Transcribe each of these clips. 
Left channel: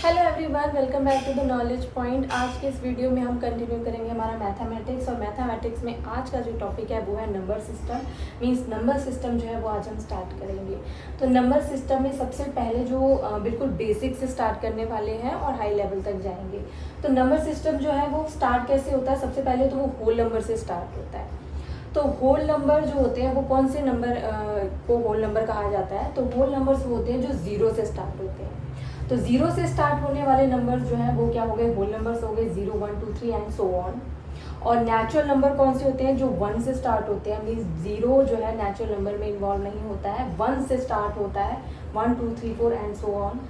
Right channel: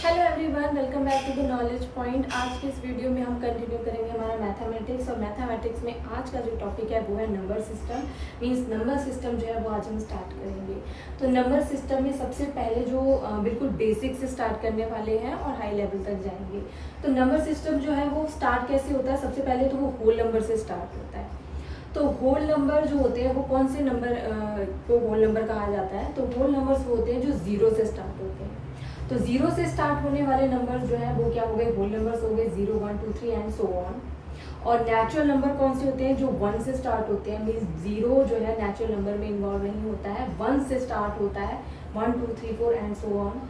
Hello everyone, welcome back to the knowledge point. आज के इस वीडियो में हम कंटिन्यू करेंगे हमारा मैथमेटिक्स। और मैथमेटिक्स में आज का जो टॉपिक है वो है number system. Means number system जो है वो आज हम स्टार्ट करेंगे। तो नंबर सिस्टम में सबसे पहले जो बिल्कुल बेसिक से स्टार्ट करने वाले हैं और हाई लेवल तक जाएंगे। तो नंबर सिस्टम जो है वो स्टार्ट कैसे होता है? सबसे पहले तो वो होल नंबर से स्टार्ट होता है। तो होल नंबर जो होते हैं वो कौन से नंबर को होल नंबर कहा जाता है? तो होल नंबर्स होते हैं जो जीरो से स्टार्ट होते हैं। तो जीरो से स्टार्ट होने वाले नंबर जो है वो क्या हो गए? होल नंबर्स हो गए, 0 1 2 3 एंड सो ऑन। और नेचुरल नंबर कौन से होते हैं? जो 1 से स्टार्ट होते हैं। मीन्स जीरो जो है नेचुरल नंबर में इन्वॉल्व नहीं होता है, 1 से स्टार्ट होता है, 1 2 3 4 एंड सो ऑन।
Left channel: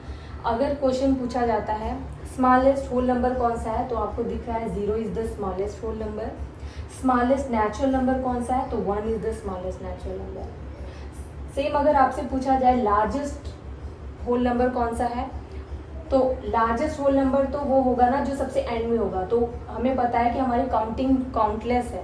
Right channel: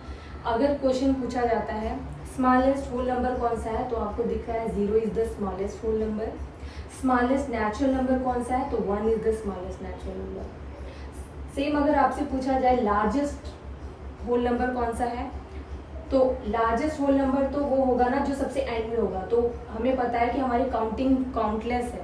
अगर क्वेश्चन पूछा जाता है स्मॉलेस्ट होल नंबर कौन सा है, तो आपको दिख रहा है 0 is the smallest whole number. Smallest natural number कौन सा है? तो 1 is the smallest natural number. Same अगर आपसे पूछा जाए लार्जेस्ट होल नंबर कौन सा है, तो लार्जेस्ट होल नंबर तो वो होगा ना जो सबसे एंड में होगा। तो हमें पता है कि हमारी काउंटिंग काउंटलेस है,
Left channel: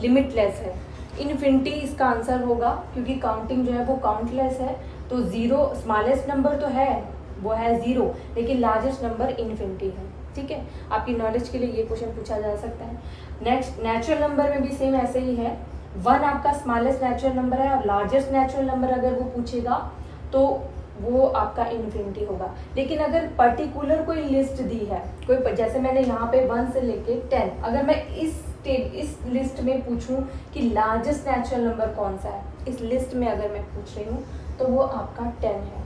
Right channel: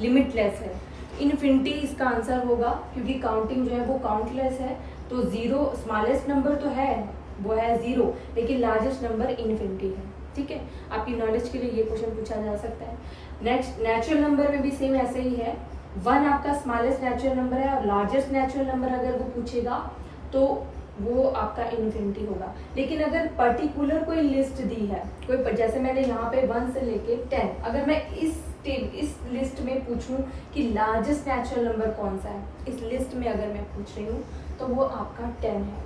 लिमिटलेस है। इन्फिनिटी इसका आंसर होगा क्योंकि काउंटिंग जो है वो काउंटलेस है। तो जीरो स्मॉलेस्ट नंबर तो है, वो है 0, लेकिन लार्जेस्ट नंबर इन्फिनिटी है। ठीक है, आपकी नॉलेज के लिए ये क्वेश्चन पूछा जा सकता है। नेक्स्ट, नेचुरल नंबर में भी सेम ऐसे ही है। 1 आपका स्मॉलेस्ट नेचुरल नंबर है और लार्जेस्ट नेचुरल नंबर अगर वो पूछेगा तो वो आपका इन्फिनिटी होगा। लेकिन अगर पर्टिकुलर कोई लिस्ट दी है, कोई जैसे मैंने यहाँ पे 1 से लेके 10, अगर मैं इस लिस्ट में पूछूं कि लार्जेस्ट नेचुरल नंबर कौन सा है, इस लिस्ट में अगर मैं पूछ रही हूँ तो वो आपका 10 है।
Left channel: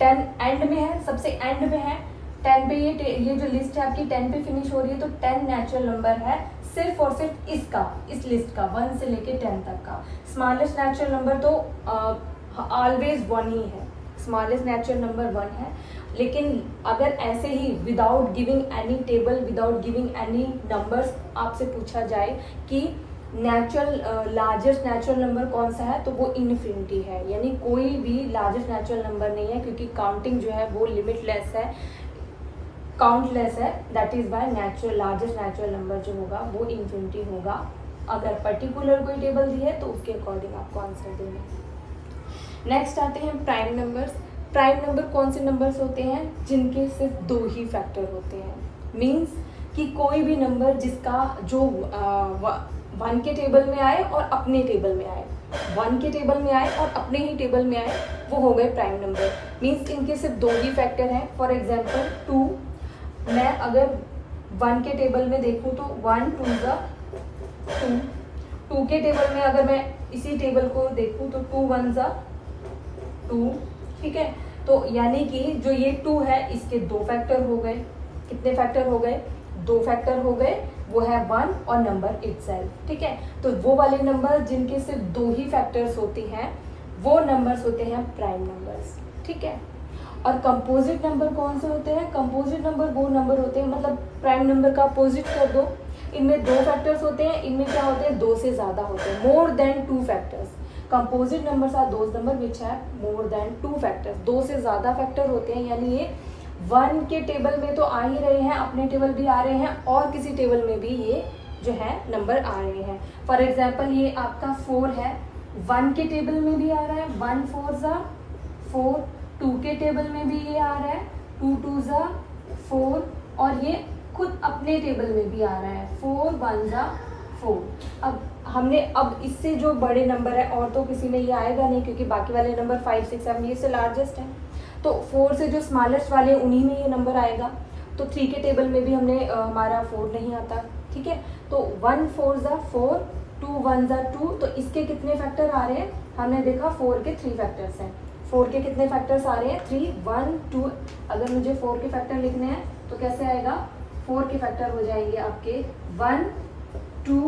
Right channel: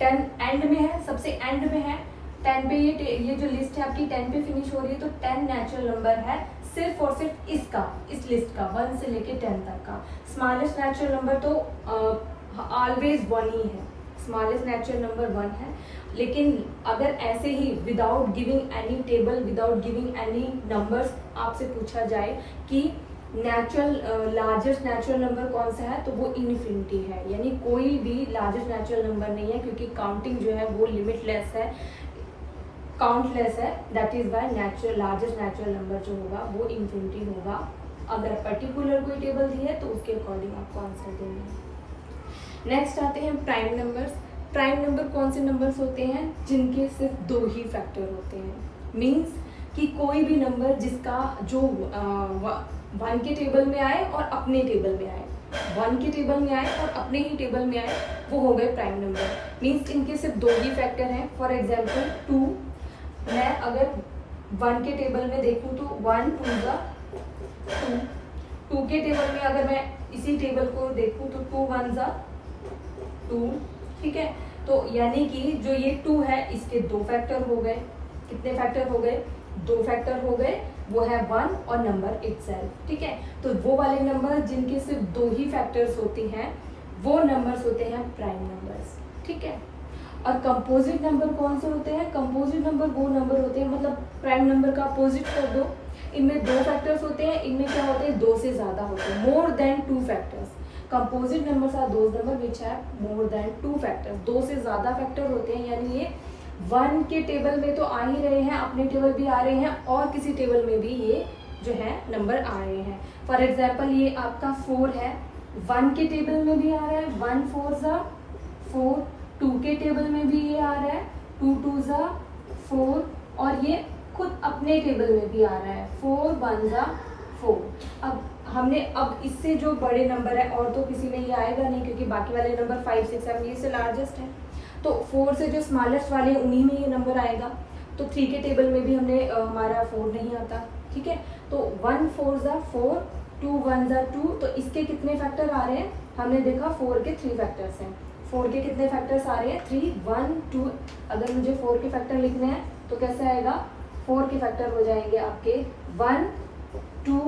10 एंड में है, सबसे एंड में है। 10 पे ये जो लिस्ट है आपकी 10 पे फिनिश हो रही है, तो 10 नेचुरल नंबर है सिर्फ और सिर्फ इसका, इस लिस्ट का 1 से लेके 10 तक का। स्मॉलेस्ट नेचुरल नंबर तो ऑलवेज 1 ही है, स्मॉलेस्ट नेचुरल नंबर 1 है। लेकिन अगर ऐसे ही without giving any table, without giving any numbers आपसे पूछा जाए कि लार्जेस्ट नेचुरल नंबर कौन सा है, तो वो इन्फिनिटी है। यानी कोई भी लार्जेस्ट नेचुरल नंबर नहीं है क्योंकि काउंटिंग जो है वो लिमिटलेस है, काउंटलेस है। That is why largest natural number जो होगा वो इन्फिनिटी होगा। अगर पर्टिकुलर कोई टेबल दी है तो उसके अकॉर्डिंग आपको आंसर देना है। नेक्स्ट आते हैं प्राइम नंबर्स। प्राइम नंबर कौन से नंबर्स होते हैं? जिनके सिर्फ 2 ही फैक्टर होते हैं। मीन्स कि कोई भी नंबर जिसका जो 1 के टेबल में आए और अपने टेबल में आए, 1 के टेबल में आए और अपने ही टेबल में आए, वो हो गए प्राइम नंबर। मीन्स इनके सिर्फ 2 ही फैक्टर हैं। फॉर एग्जाम्पल 2, मैं अगर 1 के टेबल में देखूँ तो 1 2 ज़ा 2। 2 के टेबल में अगर मैं इसी टेबल को देखूँ तो 2 1 ज़ा 2। ठीक है, तो यानी कि जो ये 2 है इसके 2 फैक्टर हो गए। कितने फैक्टर हो गए? 2 फैक्टर हो गए। वो है 1 और नंबर इटसेल्फ। ठीक है, तो वो वाले नंबर जिनके सिर्फ 2 ही फैक्टर्स होते हैं वो नंबर्स होते हैं प्राइम नंबर्स। ठीक है, और कंपोजिट नंबर कौन से होते हैं? कंपोजिट नंबर वो नंबर होते हैं, मतलब प्राइम नंबर का अपोजिट कर दो, इनमें 2 फैक्टर्स होते हैं, इनमें क्या होते हैं? 2 से ज्यादा होते हैं, more than 2 factors. Composite numbers are those number which है मोर देन 2 फैक्टर्स। 2 से ज्यादा फैक्टर होते हैं, यानी ये 1 के टेबल में तो आ ही रहे हैं, अपने टेबल भी आ रहे हैं और किसी टेबल में भी ये जो है नंबर आ रहे हैं। फॉर एग्जाम्पल ये आपका 4 है, 1 के टेबल में भी आ रहा है, 1 4 ज़ा 4। 2 के टेबल में भी ये आ रहा है, 2 2 ज़ा 4। और ये खुद अपने टेबल में भी आ रहा है, 4 1 ज़ा 4। अब इससे जो बड़े नंबर है और तो किसी में ये आएगा नहीं क्योंकि बाकी वाले नंबर 5 6 7 ये से लार्जेस्ट है। तो 4 से जो स्मॉलेस्ट वाले उन्हीं में ये नंबर आएगा। तो 3 के टेबल में भी हमारा 4 नहीं आता। ठीक है, तो 1 4 ज़ा 4, 2 1 ज़ा 2। तो इसके कितने फैक्टर आ रहे हैं? हमने देखा 4 के 3 फैक्टर्स हैं। 4 के कितने फैक्टर्स आ रहे हैं? 3 1 2। अगर मुझे 4 के फैक्टर लिखने हैं तो कैसे आएगा? 4 के फैक्टर हो जाएंगे आपके 1 2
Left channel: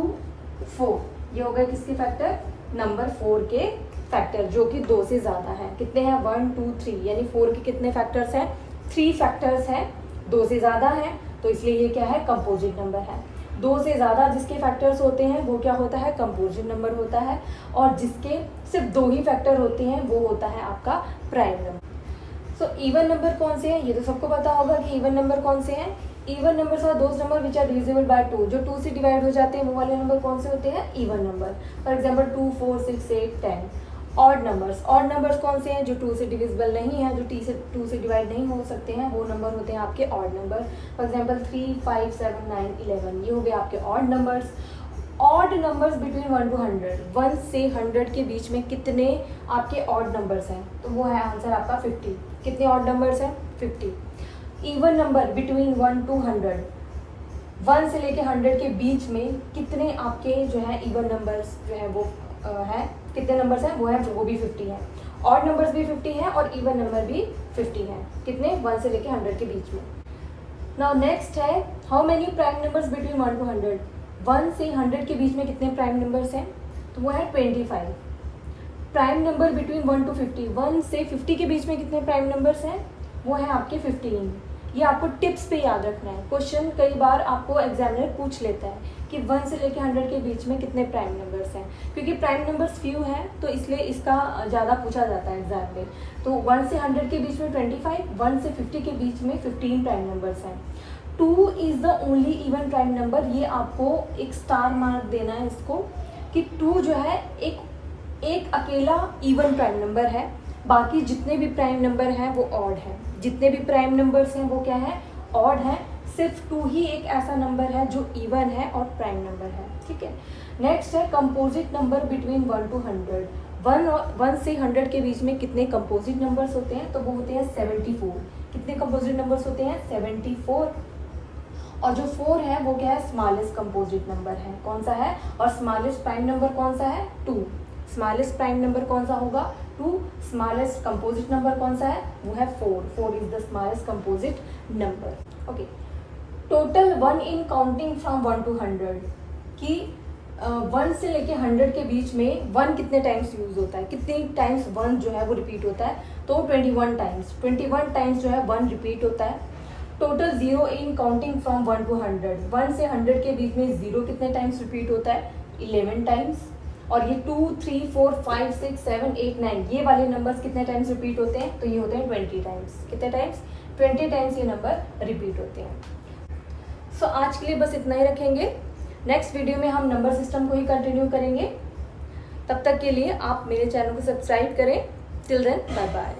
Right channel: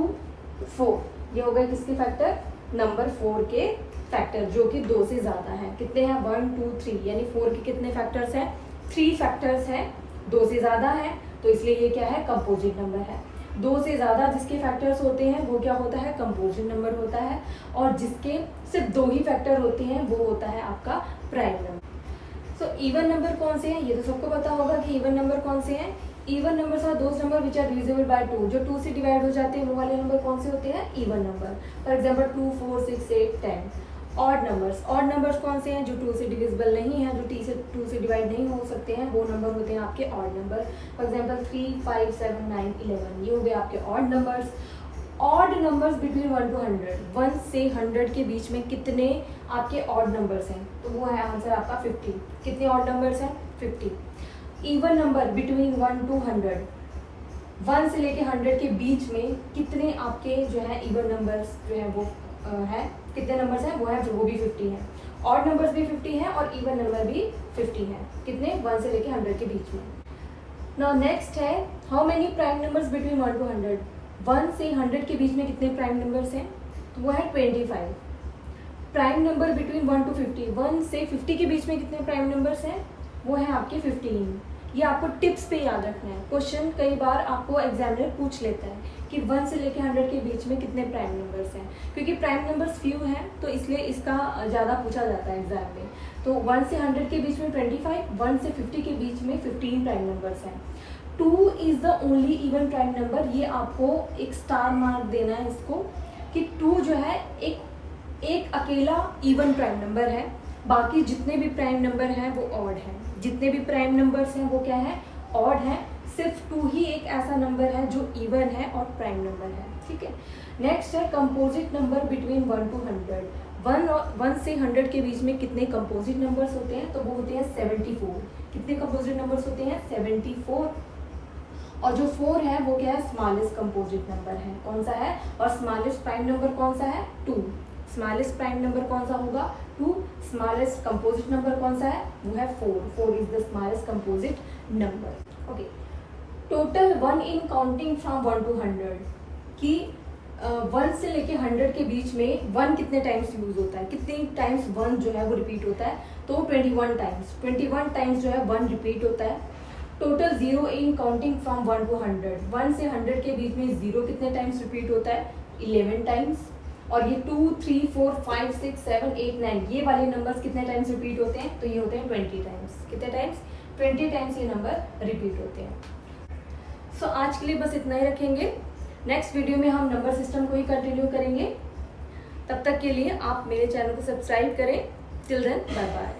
4। ये हो गए किसके फैक्टर? नंबर 4 के फैक्टर, जो कि 2 से ज्यादा है। कितने हैं? 1 2 3। यानी 4 के कितने फैक्टर्स हैं? 3 फैक्टर्स हैं, 2 से ज्यादा है, तो इसलिए ये क्या है? कंपोजिट नंबर है। 2 से ज्यादा जिसके फैक्टर्स होते हैं वो क्या होता है? कंपोजिट नंबर होता है। और जिसके सिर्फ 2 ही फैक्टर होते हैं वो होता है आपका prime number. So even number कौन से हैं? ये तो सबको पता होगा कि इवन नंबर कौन से हैं। Even numbers are those number which are divisible by 2। जो 2 से डिवाइड हो जाते हैं वो वाले नंबर कौन से होते हैं? Even number. For example 2 4 6 8 10। Odd numbers कौन से हैं? जो 2 से डिविजिबल नहीं है, जो 2 से डिवाइड नहीं हो सकते हैं, वो नंबर होते हैं आपके ऑड नंबर। फॉर एग्जांपल 3, 5, 7, 9, 11 ये हो गए आपके odd numbers. Odd numbers between 1 to 100, 1 से 100 के बीच में कितने आपके ऑड नंबर्स हैं? तो वो है आंसर आपका 50। कितने ऑड नंबर्स हैं? 50। इवन नंबर बिटवीन 1 to 100, 1 से लेके 100 के बीच में कितने आपके जो है इवन नंबर्स जो है वो है, कितने नंबर्स हैं? वो है वो भी 50 है। ऑड नंबर्स भी 50 हैं और इवन नंबर भी 50 हैं। कितने? 1 से लेके 100 के बीच में। नाउ नेक्स्ट है how many prime numbers between 1 to 100, 1 से 100 के बीच में कितने प्राइम नंबर्स हैं? तो वो है 25। प्राइम नंबर बिटवीन 1 to 50, 1 से 50 के बीच में कितने प्राइम नंबर्स हैं? वो है आपके 15। ये आपको टिप्स पे याद रखना है। क्वेश्चन कई बार आपको एग्जामिनर पूछ लेता है कि 1 से लेके 100 के बीच में कितने प्राइम नंबर्स हैं, क्योंकि प्राइम नंबर्स फ्यू हैं तो इसलिए इसका ज़्यादा पूछा जाता है एग्जाम में। तो 1 से 100 के बीच में 25, 1 से 50 के बीच में 15 प्राइम नंबर्स हैं। 2 is the only even prime number. ये आपको एक स्टार मार्क देना है इसको कि 2 जो है एक अकेला इवन प्राइम नंबर है, बाकी जितने भी प्राइम नंबर हैं वो ऑड हैं। जितने भी प्राइम नंबर्स हैं वो क्या है? ऑड हैं। सिर्फ 2 ही एक ऐसा नंबर है जो इवन है और प्राइम नंबर है। ठीक है। नेक्स्ट है कंपोजिट नंबर बिटवीन 1 to 100, 1 से 100 के बीच में कितने कंपोजिट नंबर्स होते हैं? तो वो होते हैं 74। कितने कंपोजिट नंबर्स होते हैं? 74। और जो 4 है वो क्या है? स्मॉलेस्ट कंपोजिट नंबर है। कौन सा है? और स्मॉलेस्ट प्राइम नंबर कौन सा है? 2। स्मॉलेस्ट प्राइम नंबर कौन सा होगा? 2। स्मॉलेस्ट कंपोजिट नंबर कौन सा है? वो है 4। 4 is the smallest composite number. Okay. Total 1 in counting from 1 to 100 कि 1 से लेके 100 के बीच में 1 कितने टाइम्स यूज होता है? कितनी टाइम्स 1 जो है वो रिपीट होता है? तो 21 टाइम्स। 21 टाइम्स जो है 1 रिपीट होता है। Total 0 in counting from 1 to 100, 1 से 100 के बीच में 0 कितने टाइम्स रिपीट होता है? 11 टाइम्स। और ये 2, 3, 4, 5, 6, 7, 8, 9 ये वाले नंबर्स कितने टाइम्स रिपीट होते हैं? तो ये होते हैं 20 टाइम्स। कितने टाइम्स? 20 टाइम्स ये नंबर रिपीट होते हैं। सो आज के लिए बस इतना ही रखेंगे। नेक्स्ट वीडियो में हम नंबर सिस्टम को ही कंटिन्यू करेंगे। तब तक के लिए आप मेरे चैनल को सब्सक्राइब करें। Till then bye bye.